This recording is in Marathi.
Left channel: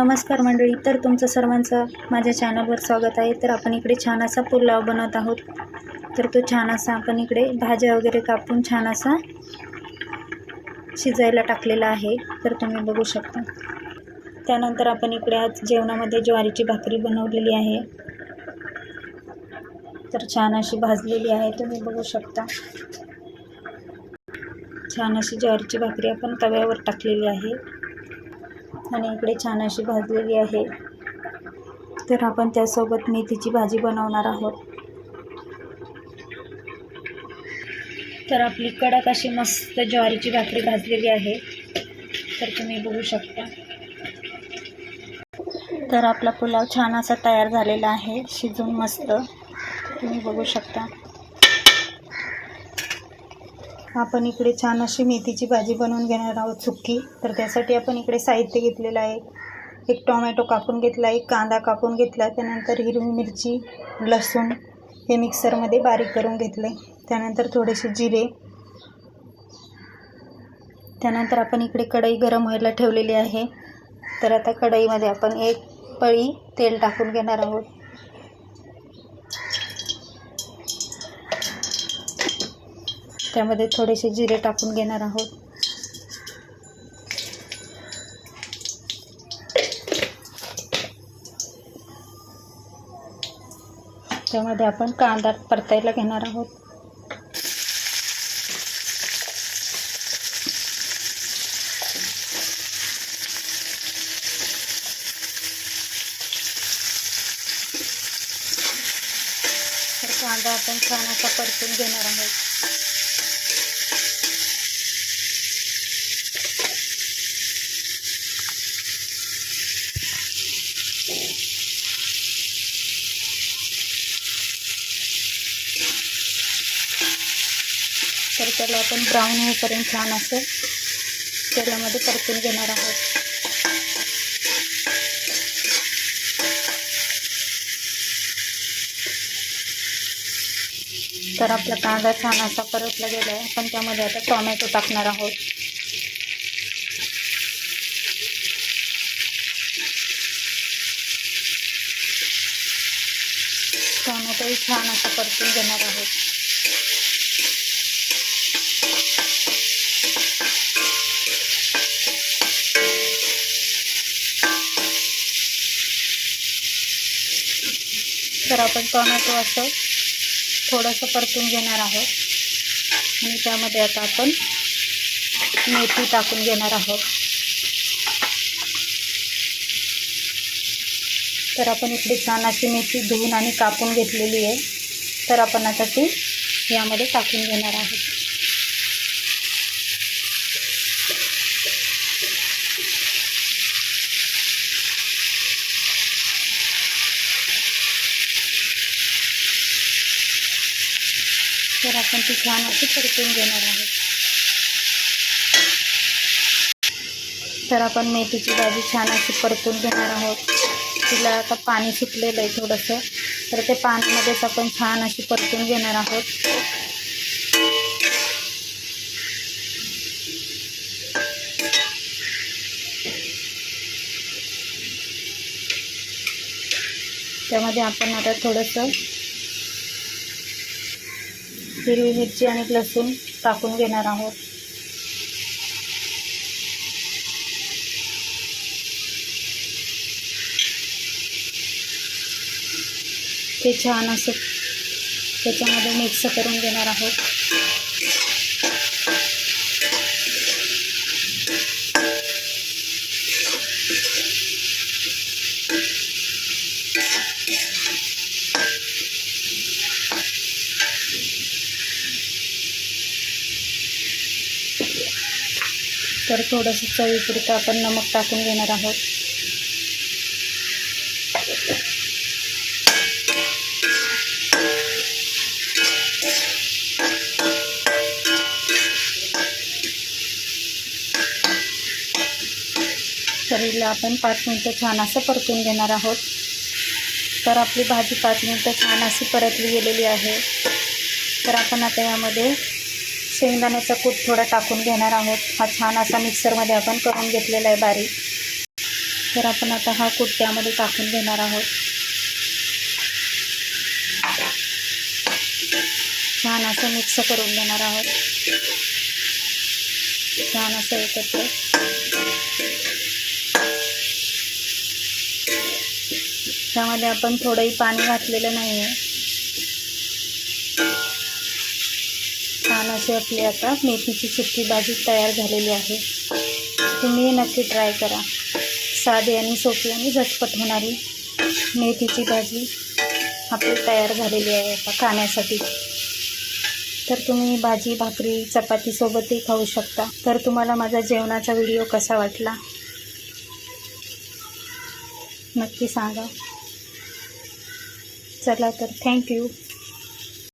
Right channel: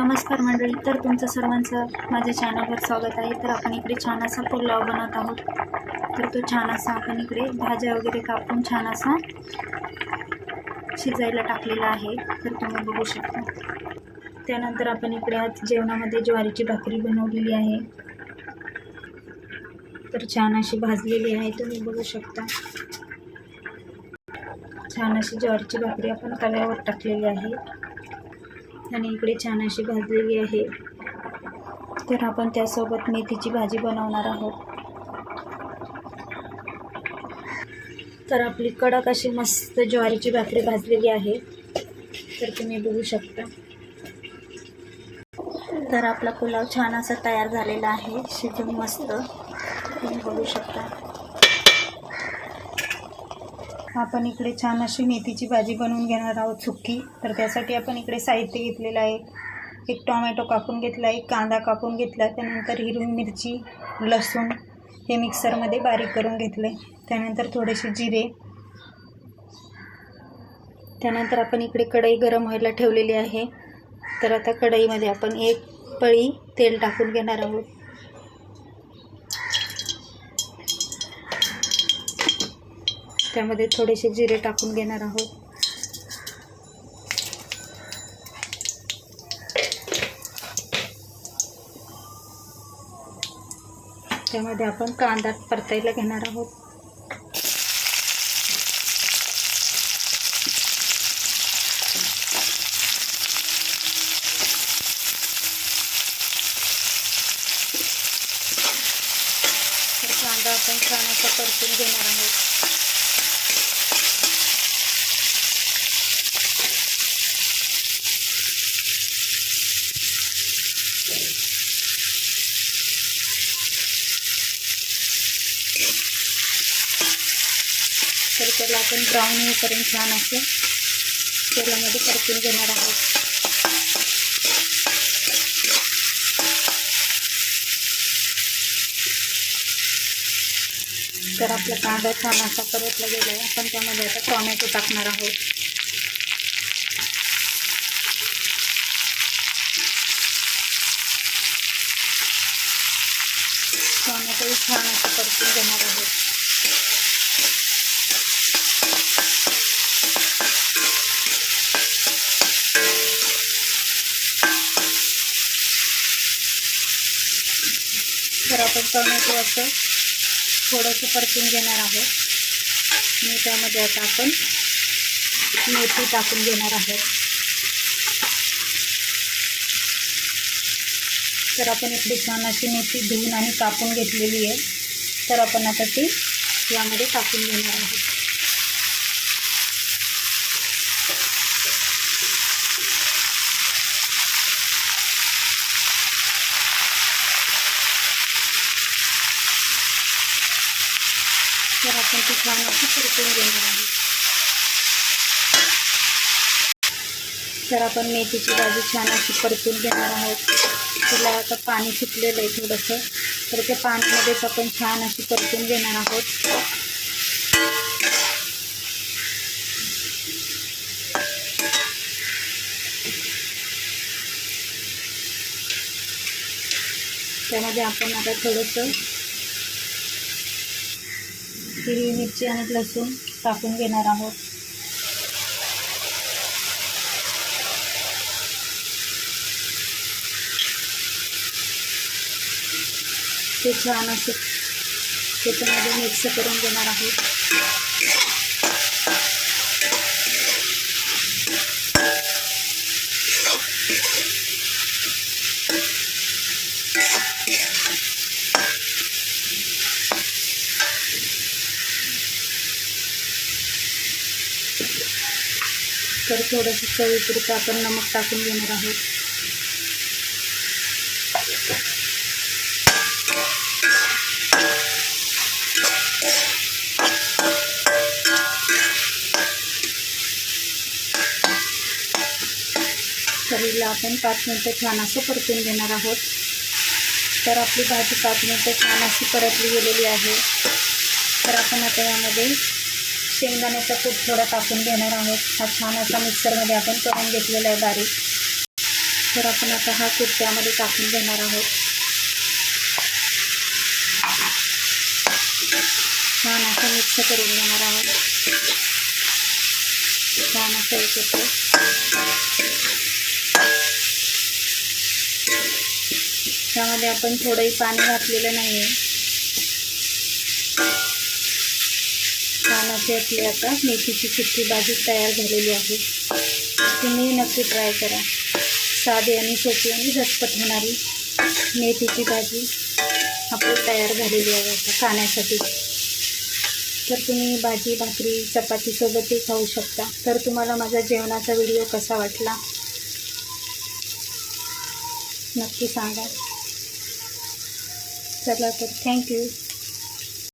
नमस्कार मंडळी तर तुमचं सर्वांचं माझ्या चॅनलवर स्वागत आहे. तर आपण इकडे छान असा पुलाव बनवत आहोत. तर तो छान असा आपण इकडे भाज्या वगैरे कापून छान असा शिजायला टाकलेला आहे. तर तुम्ही बघू शकता. त्यानंतर आपण इकडे आज जेवणामध्ये ज्वारीची भाकरी बनवलेली आहे. तर छान अशी भाजलेली आहे तुम्ही बघू शकता. छान अशी ज्वारीची भाकरी आपण तव्यावर टाकलेली आहे. आणि इकडे छान अशी भाजलेली आहे. तर आपण त्यासोबत मेथीची भाजी बनवणार आहोत. तर आपली कडक अशी मस्त ज्वारीची भाकरी भाजलेली आहे. तर तुम्ही बघू शकता. तर आपला पुलाव छान असा तयार झालेला आहे. शिजून मस्त. तुम्ही बघू शकता. आपण इकडे छान अशी मेथीची भाजी बनवून घेणार आहोत सुक्की. तर त्यासाठी आपण इकडे साहित्य घेतलेलं आहे. एक टोमॅटो कापून घेतला एक कांदा कापून घेतला त्यानंतर हिरवी मिरची लसूण हे मिक्सरमध्ये बारीक करून घेतले. त्यानंतर थोडेसे जिरे. त्यानंतर आपण इकडे कढई गरम व्हायला ठेवलेली आहे. तर आता कढईमध्ये आपण एक पळी तेल टाकून घेणार आहोत. त्यामध्ये थोडेसे जिरे टाकून घेणार आहोत. त्यामध्ये आपण कांदा परतायला घेणार आहोत. तर कांदा आपण छान असा परतून घेणार आहोत. त्याला आपण ब्राऊन होईपर्यंत छान असं तेलामध्ये परतून घेणार आहोत. तर आपला कांदा छान असा परतला गेला आहे आपण त्यामध्ये आता टॉमॅटो टाकणार आहोत. टॉमॅटोही छान असं परतून घेणार आहोत. तर आपण टोमॅटो असं थोडंसं परतून घेणार आहोत. आणि त्यामध्ये आता आपण मेथी टाकून घेणार आहोत. तर आपण इकडे छान अशी मेथी धुवून आणि कापून घेतलेली आहे. तर आपण आता ती यामध्ये टाकून घेणार आहोत. तर आपण ती छान अशी परतून घेणार आहोत. तर आपण मेथीची भाजी छान अशी परतून घेणार आहोत. तिला आता पाणी सुटलेलं आहे थोडंसं. तर ते पाण्यामध्येच आपण छान अशी परतून घेणार आहोत. त्यामध्ये आपण आता थोडंसं हिरवी मिरची आणि लसूण टाकून घेणार आहोत. ते छान असं त्याच्यामध्ये मिक्स करून घेणार आहोत. तर थोडंसं चवीपुरतं आपण नमक टाकून घेणार आहोत. तर हिला आपण पाच मिनटं छान असं परतून घेणार आहोत. तर आपली भाजी पाच मिनटं छान अशी परतली गेलेली आहे. तर आपण आता यामध्ये शेंगदाण्याचा कूट थोडा टाकून घेणार आहोत. हा छान असा मिक्सरमध्ये आपण करून घेतलेला आहे बारीक. तर आपण आता हा कूट त्यामध्ये टाकून घेणार आहोत. छान असं मिक्स करून घेणार आहोत. छान असं एकत्र. त्यामध्ये आपण थोडंही पाणी घातलेलं नाही आहे छान अशी आपली आता मेथीची सुकी भाजी तयार झालेली आहे. तुम्ही नक्की ट्राय करा. साधी आणि सोपी आणि झटपट होणारी मेथीची भाजी आपली तयार झालेली आहे आता खाण्यासाठी. तर तुम्ही भाजी भाकरी चपातीसोबतही खाऊ शकता. तर तुम्हाला माझा जेवणाचा व्हिडिओ कसा वाटला? नक्की सांगा. चला तर थँक्यू